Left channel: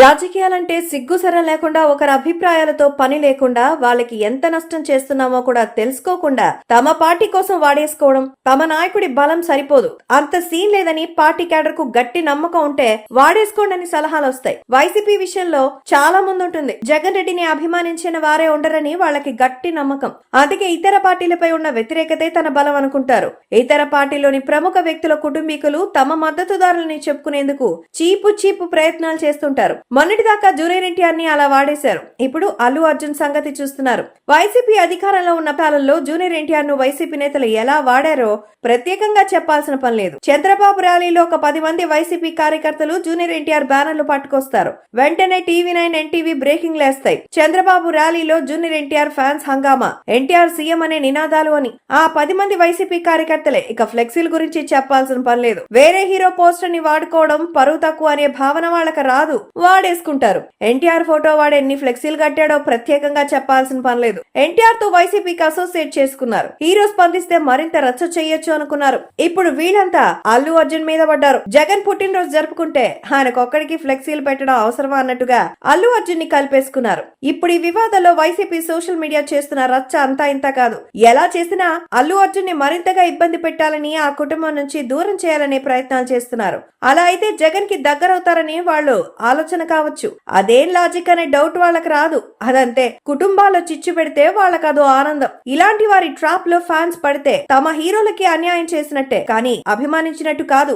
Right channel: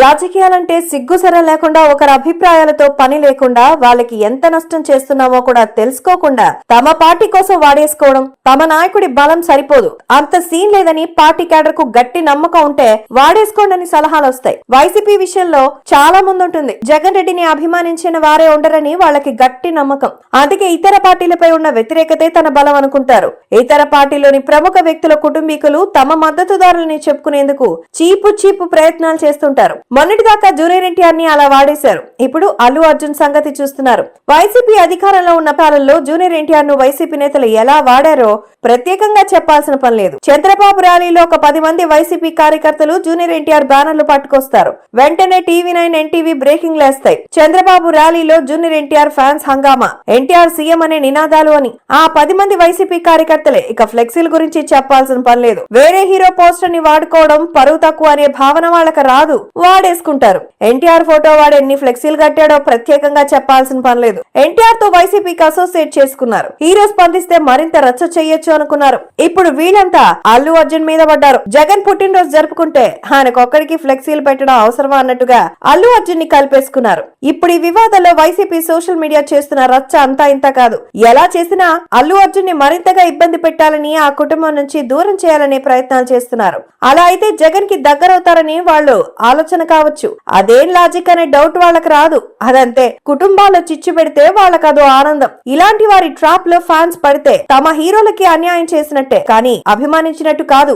రాజకీయాలంటే సిగ్గుసర లేకుండా ఒకరి అభిప్రాయాలతో పని లేకుండా వాళ్ళకి ఎంత నష్టం చేస్తున్నామో కూడా తెలుసుకోకుండా తమ పార్టీ కోసం వాడేసుకోవడం, తమ నాయకుడి బలం సరిపోదు, అంత సీన్ లేదని పార్టీ క్యాడర్ కు గట్టి నమ్మకం ఉంటే వాడేసుకోండి అని సలహాలు వస్తాయి. వైసీపీ విషయంలో చాలా ముందుంటుంది. జగన్ రెడ్డిని అభిమానించిన వారే ఉండరని వాళ్ళకి గట్టి నమ్మకం. అందుకే ఇతర పార్టీలపై ఉన్న వ్యతిరేకతే తన బలం అనుకుంటారు. ఇతర పార్టీలోని ప్రముఖ వ్యక్తుల కుటుంబీకులు తమ మద్దతుదారులని చెప్పుకునేందుకు చీపు ప్రయత్నాలు చేస్తుంటారు. మొన్నటిదాకా జూనియర్ ఎన్టీఆర్ ని అలా వాడేశారు. ఇప్పుడు అల్లు అర్జున్ సంగతి చూస్తున్నారు. వైసీపీ అధికారంలో ఉన్న కాలంలో జూనియర్ ఎన్టీఆర్ ను వైసీపీ నేతలు ఎలా వాడారో ప్రత్యేకంగా చెప్పాల్సిన పని లేదు. చంద్రబాబు ర్యాలీలో ఒక 10 మంది వైసీపీ కార్యకర్తలు జూనియర్ ఎన్టీఆర్ బ్యానర్లు పట్టుకొస్తారు. వెంటనే టీవీ9, ఎన్టీవీ బ్రేకింగ్ లేస్తాయి. చంద్రబాబు ర్యాలీలో జూనియర్ ఎన్టీఆర్ ఫ్యాన్స్ హంగామా, ఎన్టీఆర్ సీఎం అనే నినాదాలు అని. ఆ 10 మంది వైసీపీ కార్యకర్తలే. ఇక ఫ్లెక్సీల గురించి చెప్పాల్సిన పని లేదు. వేరే హీరో పోస్టర్ ని వాడుకోవడం పరువు తక్కువ అనే భావన వాళ్ళకి రాదు, వాడేసుకుంటారు. ఎన్టీఆర్ ఫోటో వాడు ఎన్ని ఫ్లెక్సీలు కట్టాడో ప్రత్యేకంగా చెప్పాల్సిన పని లేదు. ఎన్టీఆర్ తో వైసీపీకి అసోసియేట్ చేసుకున్నారు. హీరో స్పందిస్తే మరింత రచ్చ చెయ్యొచ్చు అనుకున్నారు. ఇప్పుడు వీళ్ళంతా అల్లు అర్జున్ మీద పడ్డారు. జగన్ పుట్టినరోజు జరుపుకుంటే ఆయనకొక్కడికి ఫ్లెక్సీలు పెట్టడం అవసరమా అన్నట్టుగా అల్లు అర్జున్ ని కలిపేసుకున్నారు. ఇప్పుడు ఈ వివాదంలో వైసీపీ సోషల్ మీడియా చేస్తున్న రచ్చ అంతా ఇంత కాదు. ఎలా చేసినా అల్లు అర్జున్ ని మరింతగా ఇబ్బంది పెట్టాలని, ఆ కుటుంబం నుంచి దూరం చేయాలనే ప్రయత్నాలు చేస్తున్నారు. అలా అయితే జగన్ కి దగ్గరవుతారని వాళ్ళు ఆలోచన కావచ్చు. అదేం లాజిక్ అనే డౌట్ వాళ్ళకి రాదు. అదంతే. కుటుంబాల్లో చిచ్చు పెడితే వాళ్ళకి అదో ఆనందం. ఇలాంటి వారి ట్రాప్ లో ఫ్యాన్స్ పడితే తమ హీరోలకి అన్యాయం చేసినట్టే, కానీ అభిమానించినట్టు కాదు.